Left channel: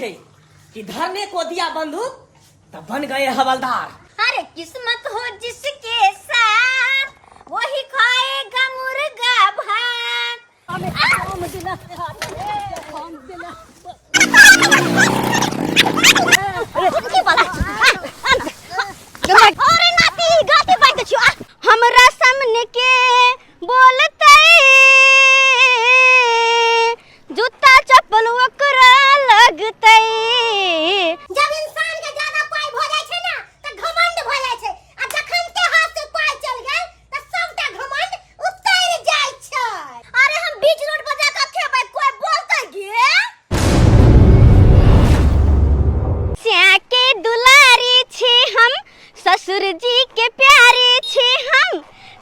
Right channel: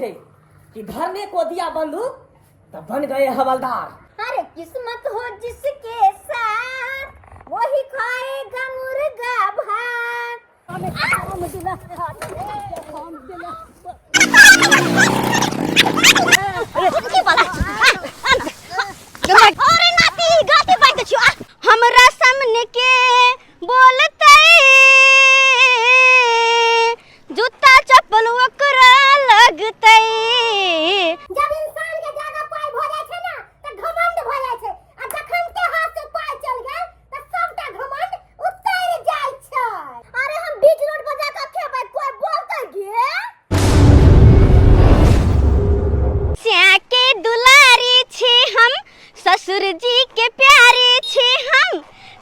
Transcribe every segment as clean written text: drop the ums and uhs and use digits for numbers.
छे कि धरने को दिया बंदूक तब बन गए हवलदार। अरे किस्मत हो जिसके साथ वही खाएगा मुर्गा भात। अरे नाती गाते बात छियो हमरा सामने के बोलते जूता चप्पल ओकरा लगते। जब इंसान के ज्यादा पाई भ जाय छै ना त घमंड भ जाय छै आ जखन के हाथ से पाई चल गेल त सबटा घमंड उतर जाय छै। अरे हम बीच रोड पर जाके खेबै कोई बोलतै गे स्या के दुलारी छी हम ससुर जी के प्यारे छी हम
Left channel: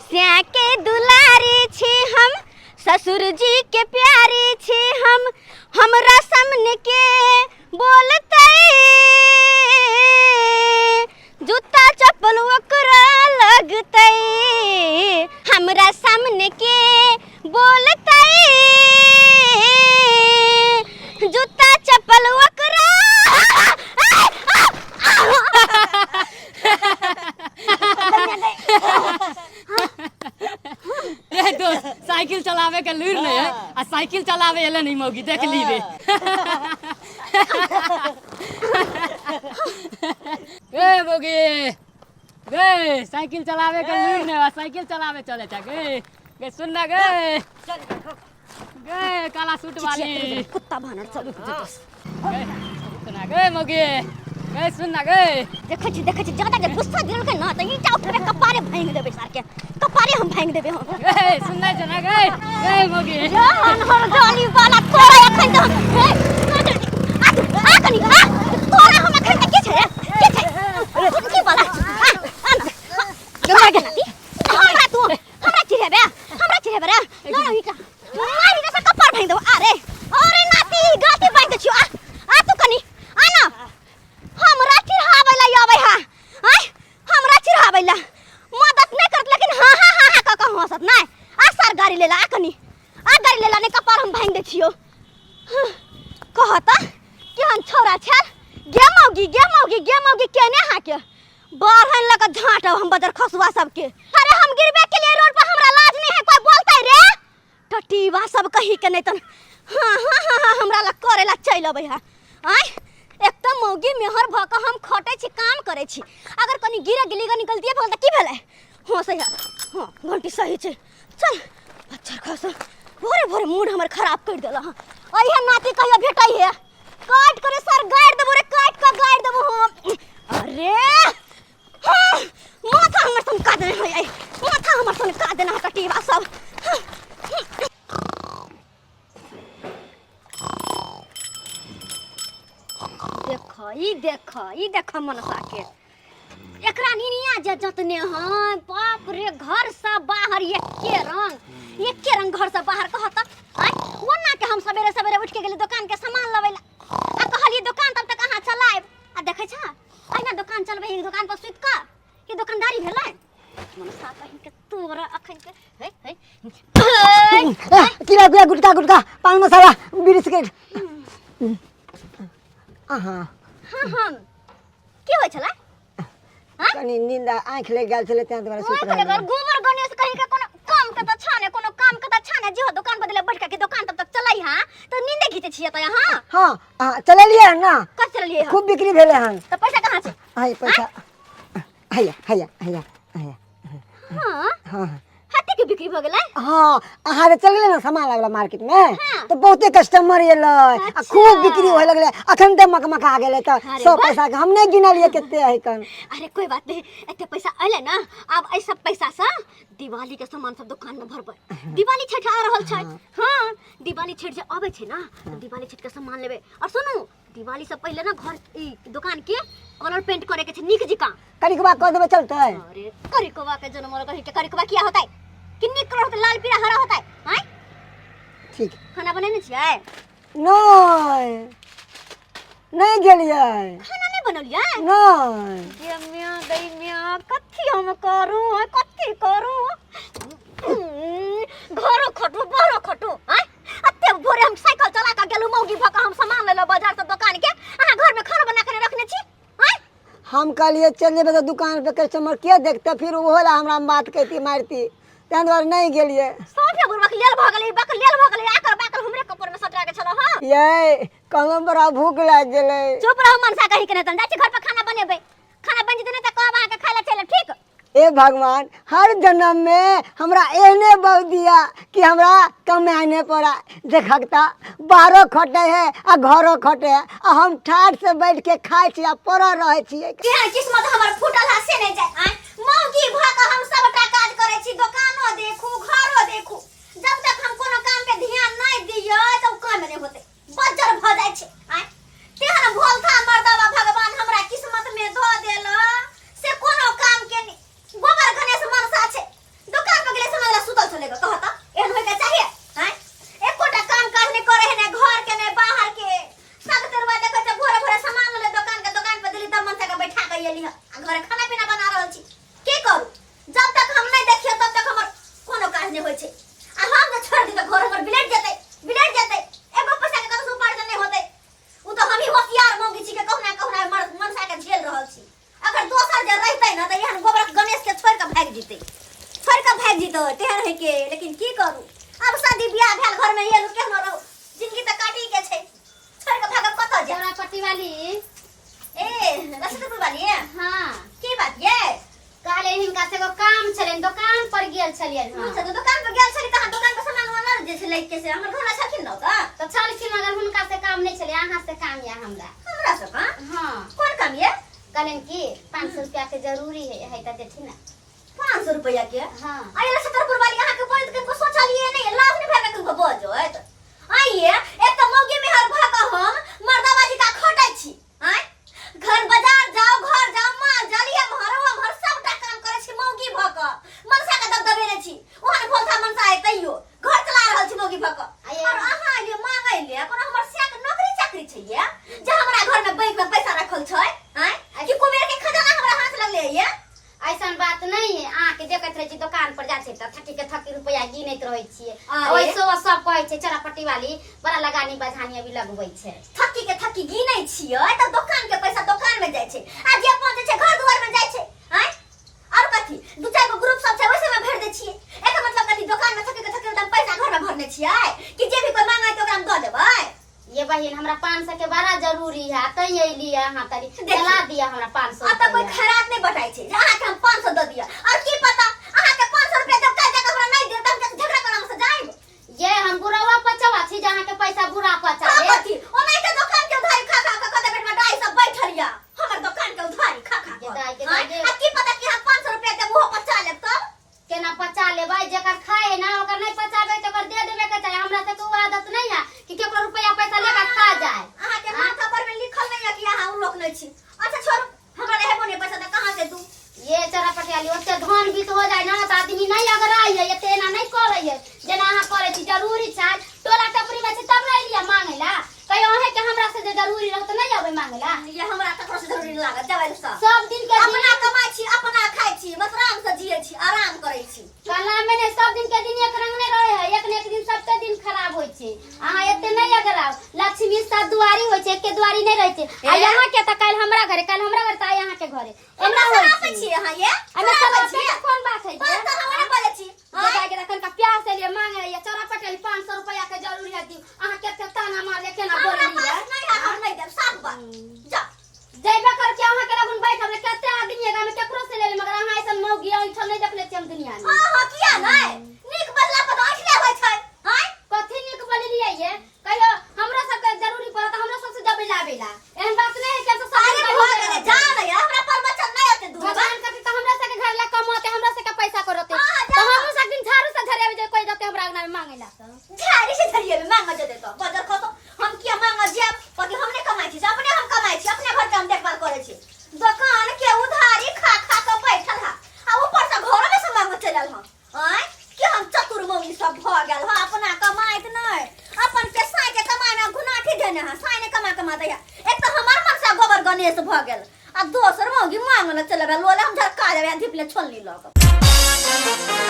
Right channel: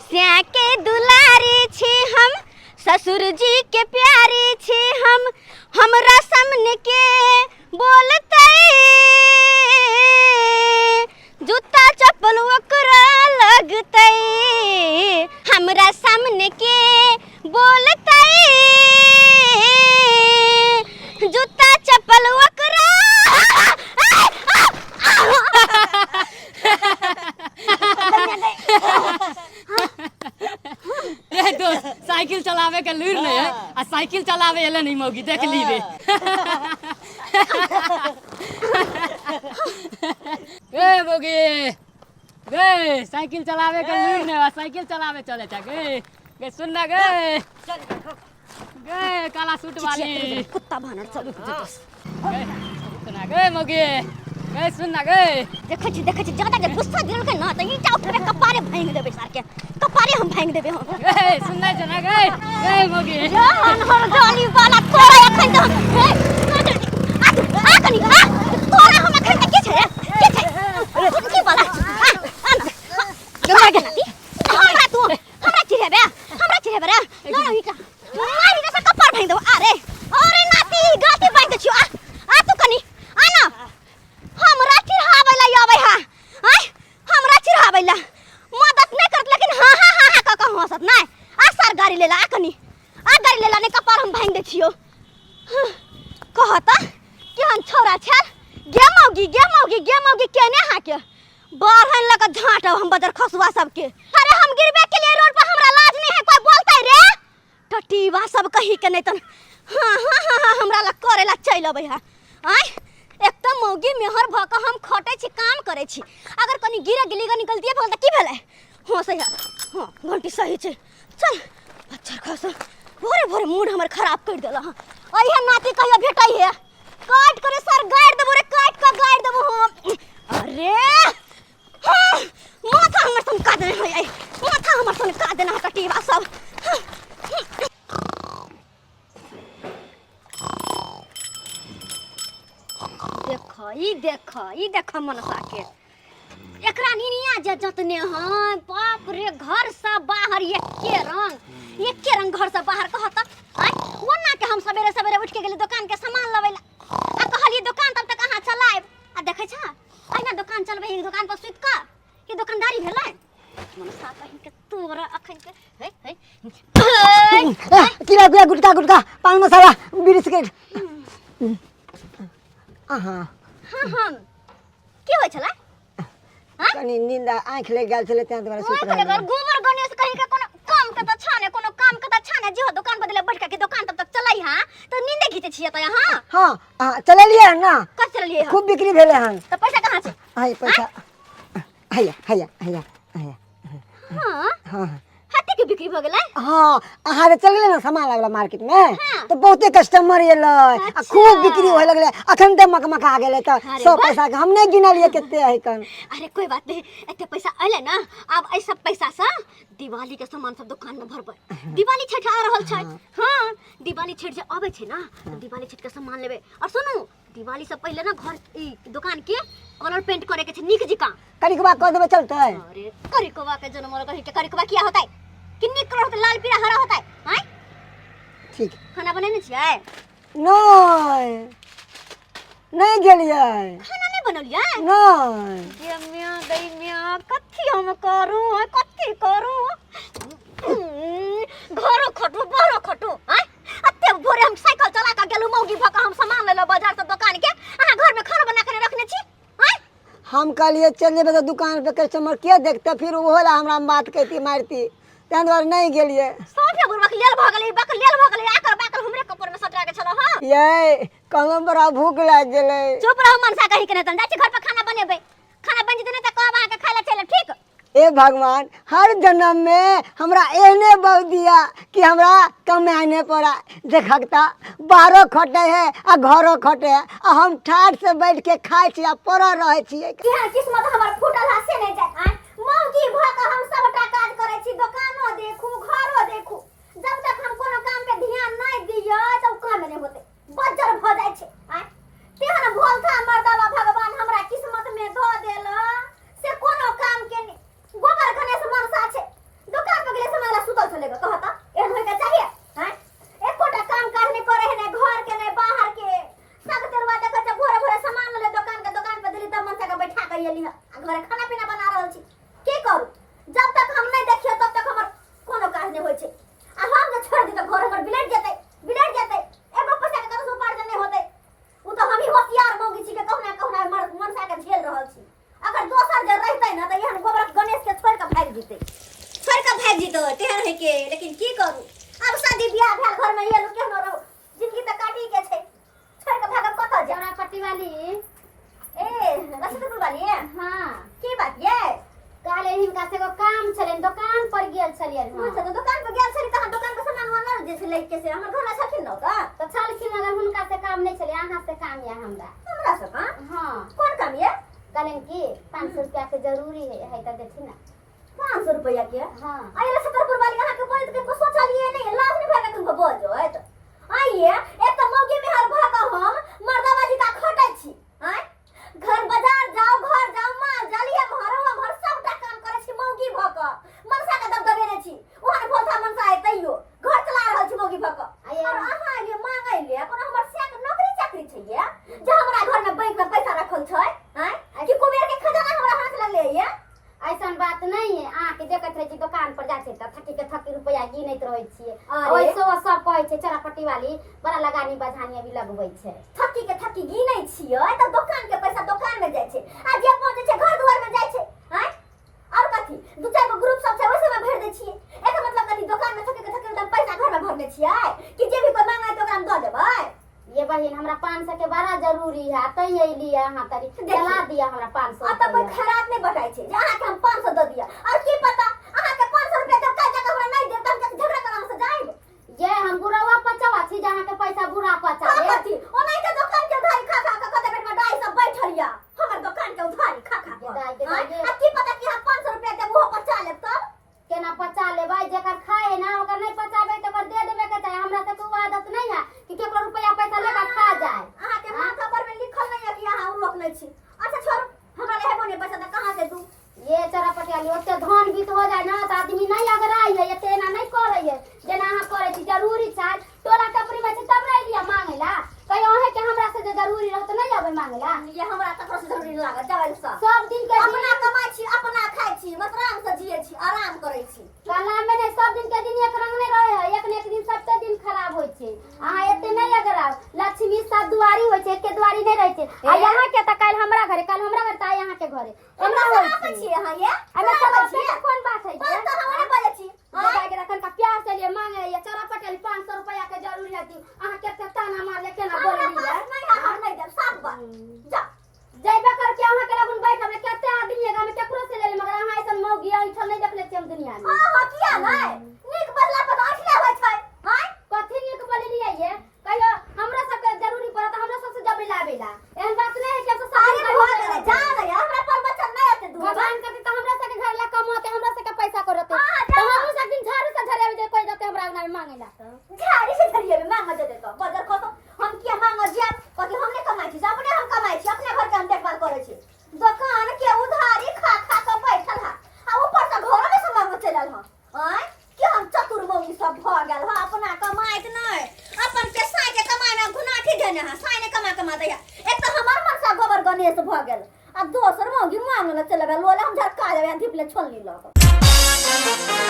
स्या के दुलारी छी हम ससुर जी के प्यारे छी हम हमरा सामने के बोलते जूता चप्पल ओकरा लगते। हमरा सामने के बोलते जूता चप्पल ओकरा। ए दोस्त साइकिल चलावे के लूर नहीं है आ साइकिल चलावे एले नहीं मौगी देख ली रे। ए मौगी गे साइकिल चलावे के लूर नहीं है साइकिल चलावे चले जा गे गे सुन ना गे गे काला सूट वाली कुत्ता भानर चलू गे सुन ना गे मौगी गे सुन ना गे देखै छी ज्यादा के गुस्सा दिल के ना त ईटा उठबे कपारे भांग देबे सार के कपारे हम भांग देबे हम। गे सुन ना जना गे गे मौगी जान हर गाली वाला तोरा एखन त आ कनी आ तोरा हम एखन त के छै की वाला गमा के नाती हमरा चिरेबे रे ना ईटा मारी के कपार भांग देबो। अरे नाती गाती बांध छियो आ तू कनी आ ना हमरा चिढ़ाबै ला आबै हा आय हमरा चिढ़ाबै ला मदद नहीं करत लेकिन हां हां हां हां का हंसत नहीं आ सर गाड़ी लेला आ कनी आ गाड़ी लेला ने कपार हम भांग दे छियो। कहता केहन छौरा छै गे मौगी केने हा के बारहन लगा झांटब हम बदर खसुआ सबके। अरे हम गिरबे के लिए रोड पर हमरा लाज नहीं है कोई बोलतै रे टटीवा सब कही के नहीं तन हां हां हां हमरा ला करेला चल अबै हा आय एक तो मौगी मेहर भ के हम खटे छी काम करे छी अगर कनी गिरे गिली ग निकलतिए बोल त की भेलै हां सही है हां घंटी सही छै चल अच्छा खास भोरे भोरे मूड हमर खराब कर देला हां अइहे नाती कहियो भेटै है काट करे सर गाड़ देबो रे काट के गाड़ देबो हम। अरे हां माथा हमर सन का देने होय माथा हमर सन का देना कटीवा सब। देख मनसा के एकरा निनिया जे जतने हां बाप रे घर से बाहर एके रंग घर से बाहर कहता आय ओना के हम सवेरे सवेरे उठ के गेली दुकान के सामान लवेला आ कहली दुकान तब तक कहां चलाएब आ देखै छ अइना दुकान चलबै एक दुकान पर सुत का ये दुकानदारी भेलै मनसा कहि के तोरा अखन के हे किला गुटका पान मसाला बीड़ी सिगरेट आहा हां की होय छला हां कनी नींद आंख लग गेल छले त दुआरे सुत रहल अगर गोबर गणेश कहि के कोनो काम के त छाने कोनो काम के त छाने जे दुकान बदले बैठ के दुकान तब तक चलाई हां तो नींदे घिचे छिए त हां हां चललिए ना कब चललिए खूब बिक्री भेले हन त पैसा कहां छै हाय पैसा हैया हां हाथी के बिक्री भ गेलै हां अहाँ चल गेले ना सामान लागला मार्केट में तो बहुते कस्टमर एले आ खूब बिक्री होय लगले अखन ते मकमका गेले त 100 पैसा के हम नहीं गिनलिए केते है कन। अरे कोई बात नहीं एते पैसा आइले ना अब ऐ सब पैसा से दिवाली के सामान सब दुकान में भरबै दिवाली छठ आ रहल छै हां दिवाली छठ जे आबै छै ना दिवाली छठ के सामान लेबे और सुनू दिवाली से पहले ना घर ई दुकान के कलर पेंट करे के छै निक जिका करिकबा क देबे चलतै। अरे करिकबा के जन्म कहि के करिकबा किया होतै किन्नी कलर होतै लाल पीला हरा होतै हैं ठीक खाना बनेने छियै नहीं गेलिए खाना नहीं बनलियै नहीं ये दैमिया कथि हम करू कथि करू घरो खटू बरो खटू हैं अते एते भोरे हम साइकिल चला के गेलु मौगी भ के हम सामान ले लो बाजार से दुकान के अहाँ घर में खाना बना के रखने छी हैं हम कहलिए चल जेबे तो दुकान पे कस्टमर के देखते फिर वो ला हमरा बात कहती मारती तैं द्वारे नहीं गेलिए सोफे बुरबक लेल भ गेलै बक लेल भ गेलै आकर बाकर हमरे कपर में सटा के छलो हां ये कहलो बड़ा भूख लाग गेलै चुप रहो मनसा कहि के नहीं जाई छी घर पे खाना बनेबै खाना बन जते नहीं त कहब अहाँ के खाय ला चले ठीक ए भगवान हर जन्म में हमरा एहने बहु दिया कि हमरा कमाने पड़ा देखता बाहरों खटे है आ घरों खटे है आ हम ठाठ से बैठ के खाए छी आ पड़ा रहे छी किस्मत हमर फूटल हसे नहीं जाय मौगी भ के हम सबटा काज करे छी दुकानो देखू घरो देखू जब तक हम कोनो काम पे ध्यान नहीं दियो तब काम नहीं होते बज्जर भ जाय छै तेहन भोल था मर्दवा भगवान हमरा किस्मत में द देला से कोनो काम के गोबर गणेश मनसा छे दुकान पे गेले समझला सुतल चलेगा कहता एहन होय के चाहिए हैं एकोटा काम काज नहीं करे है ने घर के ने बाहर के सब तरवा देखै छै भोरे भोरे सामान ले दुकान पे दिली तब मनसा के बैठा के एली घरे खाना पीना बना रहल छी की करू जब तक हम नहीं देखियो तब तक हमर कोनो काज नहीं होय छै आ हम जे छोड़ दी त घर हमर बिलेट जेतै एगो पैसा के कतौ उपार्जन नहीं होतै उ त हम ही होशियार मौगी छी के कहना मनसा के झेल रहल छी अगर दोसर जे रहतै न त एहन गोबर गणेश के छोड़ के भाग जेतै तेहन है के लेकिन की करू अब शादी बियाह भेल घर में ये केहन रहू जिंदगी त काटी के छै छोड़ के भागब कत जे हमरा पट्टी वाली ए रसदपुर वाली हां की बात ये काले हिनका से एगो काम छलेन दुकान पर गेल छलियन हां अच्छा तो दुकान पर गेल छली त दुकान पर सामान वाला जे छै लइके से हमर घर छलखिन न तो छलखिन मगर हुनका से काम नहीं छले अहाँ से काम या हमरा से का हां कौन काम ये कहलन की 500 रुपया के जरूरी है त देथिन ना 500 रुपया के हां आई रसदपुर वाली यहां के बोल के सोचलिए नहीं लाभ नहीं भेबे तुमको बजत आइए एक त मौगी में हर भागा हम मर्दाबाजी का खटाई छी हैं घर बाजार जाओ घर जाओ माल जालिया हर सबटा काम करे छी मौगी भक मनसा के दबदबे ने छी ओहन भोलथा मनसा है तैयो घर चला रहल छी मौगी भक और अहाँ ले मांगै ले अपन हमर से नौकरी चाकरी छै ये जे हमरा घर में बैंक में पैसा रखल छै हैं कि कुबेर के खजाना हमरा हाथ लगले ये ऐसन बात नहीं है आ के देखत रहे छी दुकान पर जाय छै त 30 रुपया गिनैत रहै छियै अरे। ओइसो सब कहै छै चरपट्टी वाली बड़ा लगानी बझानी अभी लगबै छै थक्की गिनै छियै त दुकान के पैसा दुकान में जाय छै आ जे पहुंचे छै घर दुआर में जाय छै हैं और कथी दू चार गो ग्रुप सब छै ओइसे में भर दे छियै एकर मतलब कथी दुकान में थक्की एकदम पैसा घर में भरने छियै कि जे भी कोई मांगे त ओकरा में द देबै ये बहिन हमरा 500 के बड़ा जरूरी है तई एली अहाँ तरी चला दिया हमरा 500 अब त कोई खराब नहीं बताई छै जहां के हम 500 द दिया और की पता अहाँ के 500 रुपया जब काज जगह हमरा नहीं दे त हम झगड़ा करम से जाइब ये हम बुरावा पचावा छी जहां के पैसा बुरा पचा ले कथी ओ नहीं के दुकान के उधारी खा के कदे बेट में डाई सब बैठलिया हमर दुकान के उधारी खा के आ की पता कि हम 500 रुपया के मुंह पचा लेब तब केना पचा लेबै जेकर खाए ना ओकर नहीं पचाबे त ओकर दे देबे के चाहे हमरा से तो आदत नहीं है कि केकरो रुपया पैसा लेके खा जाए अहाँ के माथा पर में लिखल नहीं है कि अहाँ उ लोग नहीं छी अच्छा छोड़ हमरा ले हेबो नहीं पैसा त कहां से दू ये चरपटी वाली ओते धन बीत हो जाए ना त आदमी नहीं अगर आई है एते ना नहीं करे है जेना अहाँ करे छी जरूरी छै टोला टपरी में छी तब नहीं लिया मांगेला कहियो अहे के हमरा से जे जरूरी रहत नहीं आवे मांगेला ये हमरा ककरो से जरूरी नहीं लागत जवाई सब दिन के अपना कमाई छी अपना खाई छी बस आराम से जियै छी आराम करै छी कला में ने सब दिन के दिन एक रंग नहीं रहे है एक ने एक दिन सबके दिन खराब होय छै अहाँ एते नहीं अगर आव लक्ष्मी साथ दुआरी होय छै के दुआरी नहीं रहै छै आ यहाँ के त काल हमरा घरे त यहाँ के घरे एना सुनाबै छी अहाँ ये हमें समझ छी कोन बात है बात त हमरे बोले छी जगह के रखन का प्यार से लिए मांगे ये चरपटी वाली 500 रुपया के जरूरी है दी अहाँ के ताना मार ले केना बोल लिया नहीं हम नहीं देब साफ बात जा जइबा कर के अहाँ के लगन बैठ हमरे कते आदमी है में केकरो से ले मगर अहाँ ऐसा मौगी ऐठल नहीं देखले छी हम दुनिया में हां किया नहीं नीक बदला पर आखले होय छै हैं कथी नीक बोलिए ये कहियो हमरा सब के जरूरी पड़त हमरा सब से जब लावेला एहन बात नहीं है कि सब सारे सारे भोग गए जान है हमरा पर बचन नहीं आते दूर भगवान कथी त हमरा से के घर ला कमाते हमरा से के पैसा करते तो हम सब दिन झाड़ू से झरे जे कोई दते हमरा अंगना में मांगेला झाड़ी से झरिए में मांग दे तो बजर खो तो हम किया मांग जे बाकी हमने कमाई छी अपने हम कमाई छी अपने घर के हम देखभाल करे छी दुकान के उधारी खा खा के बैठल है आ ऊपर से घर में से मांग चलल ह हैं कि हम चतुर मौगी सब भ गेल ह अपना कमाइत नहीं अपन के साई के कमाई में गुनाठी देने है साई ने कमा दैया एक तो हमर मन से गोबर गणेश भ गेल आ दोसर मौगी मांगल चलबे लोले हम झरका देबे धिपले छोलनी लग